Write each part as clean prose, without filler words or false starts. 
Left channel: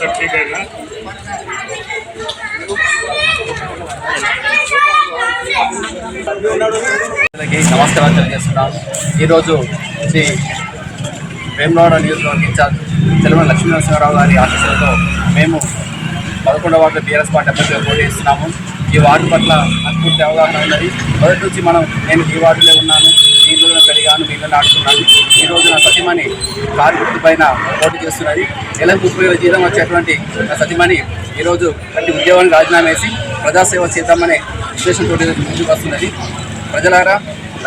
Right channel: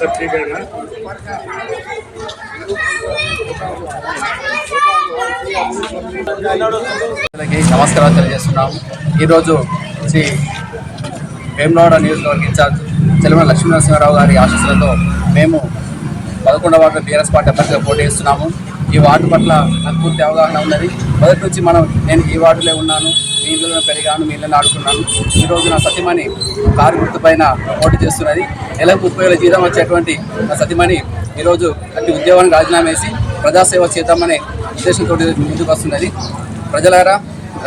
सब ठीक है ना? నమస్కారాలు తెలియజేస్తున్నాము. ఈరోజు శ్రీ వేములవాడ నియోజకవర్గ ఇన్ఛార్జ్ చెలమల లక్ష్మీనరసింహారావు గారి ఆశీస్సులతో మేము 11వ వార్డు బీఆర్ఎస్ పార్టీ అభ్యర్థిగా పోటీ చేస్తున్నాము. ఈ వార్డు పట్ల నాకు పూర్తి అవగాహన ఉన్నది. మొదటి నుంచి నేను ఈ వార్డులో ఉన్నాను, మీ ఇళ్ళలో పెరిగాను, మీ ఇళ్ళని ఆడుకున్నాను. ఈరోజు నా సతీమణి కారు గుర్తు పైన పోటీ చేస్తున్నది. నెలకు 30,000 జీతం వచ్చేటువంటి నా సతీమణి ఈరోజు అట్టి ఉద్యోగానికి రాజీనామా వేసి ప్రజాసేవ చేద్దామనే ఉద్దేశంతో ముందుకు వస్తున్నది. ప్రజలారా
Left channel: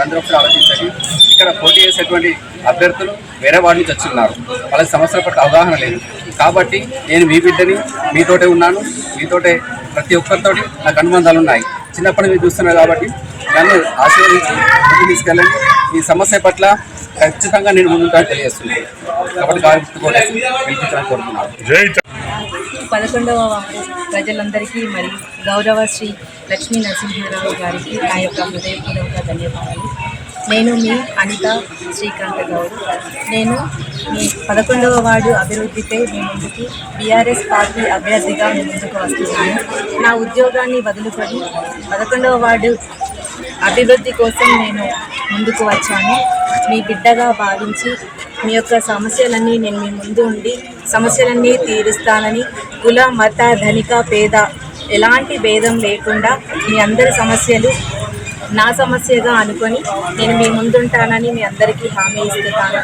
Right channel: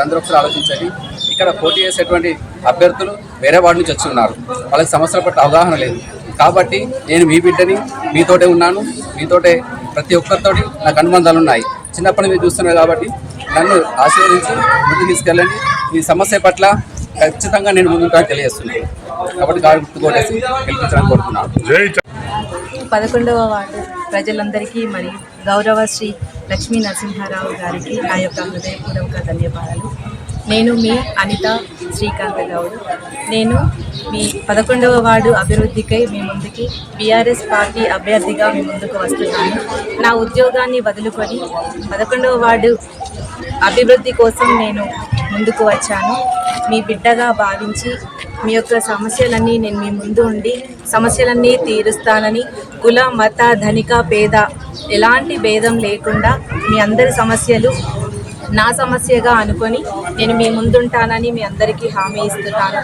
అందరూ ఒకసారి ఆలోచించండి. ఇక్కడ పోటీ చేసేటువంటి అభ్యర్థులు వేరే వార్డు నుంచి వచ్చి ఉన్నారు. వాళ్ళకి సమస్యల పట్ల అవగాహన లేదు. కాబట్టి నేను మీ బిడ్డని, మీతోటే ఉన్నాను. మీతోటే ప్రతి ఒక్కరితోటి నాకు అనుబంధాలు ఉన్నాయి. చిన్నప్పటి నుంచి చూస్తున్నాను కాబట్టి నన్ను ఆశీర్వదించి ముందుకు తీసుకెళ్ళండి. ఈ సమస్య పట్ల ఖచ్చితంగా నేను ముందుంటానని తెలియజేస్తున్నాను. కాబట్టి కారు గుర్తుకోలేసి గెలిపించాలని కోరుతున్నాను. 11వ వార్డు ప్రజలందరికీ మరి గౌరవ శ్రీ లక్ష్మీ నరసింహారావు గారికి నా యొక్క హృదయపూర్వక ధన్యవాదాలు. నేను మీ అనిత శ్రీకాంత్ గౌడ్. నేను మీ 11వ వార్డు అభివృద్ధికై మీ ముందుకి బీఆర్ఎస్ పార్టీ అభ్యర్థిగా మీ ముందుకు వస్తున్నాను. నా ఉద్యోగాన్ని వదులుకొని 11వ వార్డు అభివృద్ధి కోసం నేను ముందుకు వచ్చాను. మీ బిడ్డగా భావించి మీ యొక్క సమస్యలన్నీ నేను మీ ముందు ఉండి సమస్యలన్నీ తీరుస్తానని, కుల మత ధనిక పేద ఎలాంటి భేదం లేకుండా మీ అందరి సమస్యలు నా సమస్యగా అనుకొని నేను మీ ముందుంటానని మీ అందరికీ హామీ ఇస్తున్నాను.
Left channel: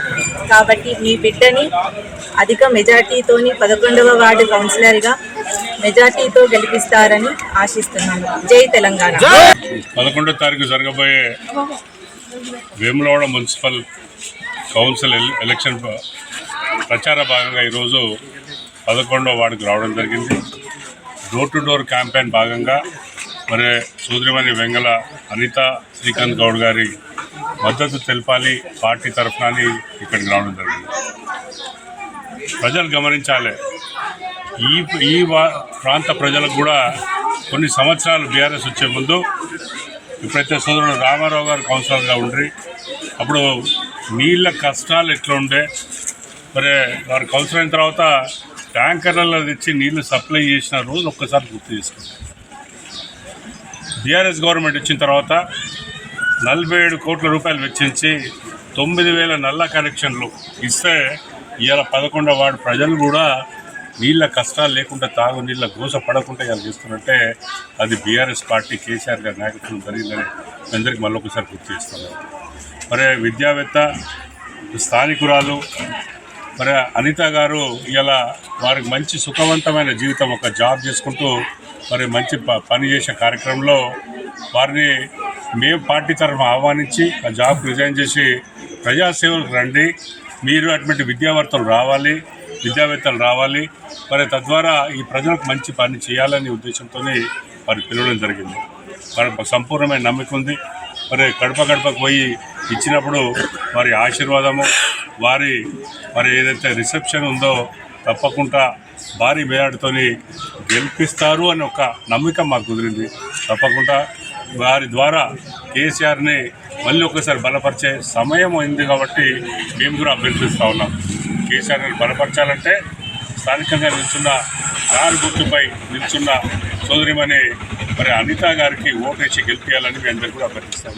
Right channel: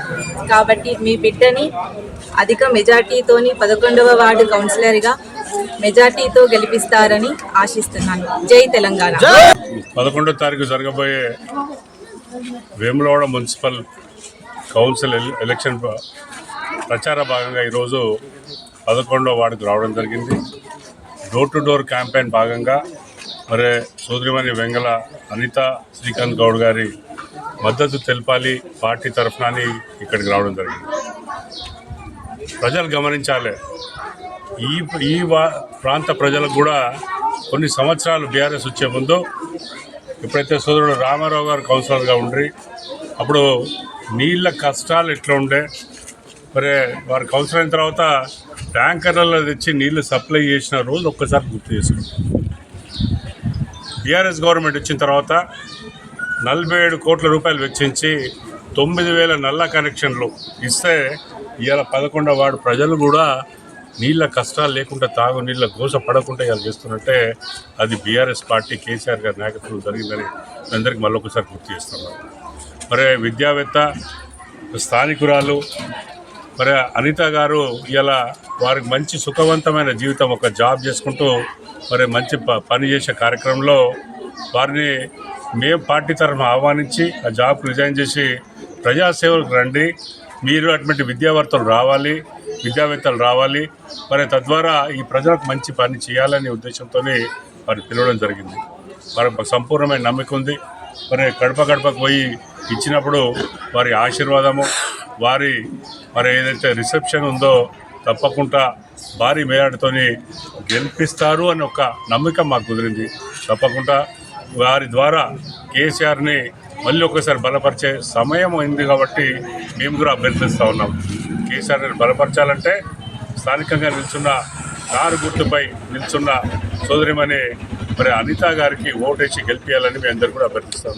కాబట్టి మీ బిడ్డని అధిక మెజార్టీతోని 11వ వార్డు కౌన్సిలర్గా మెజార్టీతో గెలిపిస్తారని ఆశిస్తున్నాను. జై తెలంగాణ. 11వ తారీఖు జరగబోయే వేములవాడ మున్సిపల్ కౌన్సిల్ ఎలక్షన్ ప్రచార భాగంగా ఈరోజు 11వ వార్డుకు రావడం జరిగింది. డోర్ టు డోర్ క్యాంపెయిన్ భాగంగా మరి సోదరిమణి వెంగళ అనిత శ్రీకాంత్ గౌడ్ గారి మద్దతు తెలపాలి పార్టీ తరఫున ఇక్కడికి రావడం జరిగింది. ప్రజలు గమనించాలి, ఈ ప్రాంత ప్రజలకు కూడా కొన్ని సంవత్సరాలు బీఆర్ఎస్ వచ్చే ముందు ఎప్పుడైతే సోదరుడు రామారావు గారు కౌన్సిలర్గా ఉండ్రి అప్పుడు నీళ్ళ కష్టాలు ఎట్లా ఉండే, మరి వారు కౌన్సిలర్ అయిన తర్వాత ట్యాంకర్లలో తెచ్చి నీళ్లు సప్లై చేసిన రోజు ఒక్కసారి గుర్తు చేసుకుంటాం. బీఆర్ఎస్ గవర్నమెంట్ వచ్చిన తర్వాత 47 కోట్ల రూపాయలు వెచ్చించి 9,000 నల్ల కనెక్షన్లు ఇస్తే ఇవాళ 11వ వార్డు ప్రజలు కూడా నీళ్ళ కష్టాలు లేకుండా తాగు నీళ్ళ గోస పడకుండా ఇలా చేస్తున్నట్టే అది బీఆర్ఎస్ పార్టీ కేసీఆర్ గారి నాయకత్వం జరిగిందని అందరికీ మళ్ళొకసారి గుర్తు చేస్తున్నాం. మరి విద్యావేత్త స్థానికురాలు మరి అనిత గారు ఇలా వారికి మంచి సుఖవంతమైన జీవితం, ఒక జాబ్ చేసుకుంటూ మరి మంచి పని చేసే కార్యక్రమంలో వారిని మేము పార్టీ తరఫున ఆహ్వానించి ఆ జాబ్కి రిజైన్ చేసి ప్రజాసేవలకు రండి, మీరు అటువంటి విద్యావేత్తలు రావాలి, మరి తద్వారా ఈ ప్రజలకు మంచి పని చేయాలనే ఉద్దేశంతో వారు పిలవడం జరిగింది. వారి సంపూర్ణమైన నమ్మకం ఉంది. మరి గడపకు పోయి ఇచ్చినప్పుడు వారి ఆశీర్వాదము, మరి ఏదైతే రిసెప్షన్ ఉందో తప్పకుండా భారీ మేయాడుతో గెలిపిస్తారు అని ఒక నమ్మకం మాకు కుదిరింది. తప్పకుండా వారి ద్వారా కేసీఆర్ని మళ్ళీ ఒకసారి బలపరిచే సమయం అయింది కాబట్టి మేము కూడా అభ్యర్థిస్తూ ఉన్నాం. కేసీఆర్ని బలపరచాలంటే స్థానికంగా నిల్చున్న కారు గుర్తుపై నిల్చున్న సోదరిమణి మరి అనిత గారికి ఓటేసి గెలిపించాలని మేము అందరూ కూడా అభ్యర్థిస్తాం.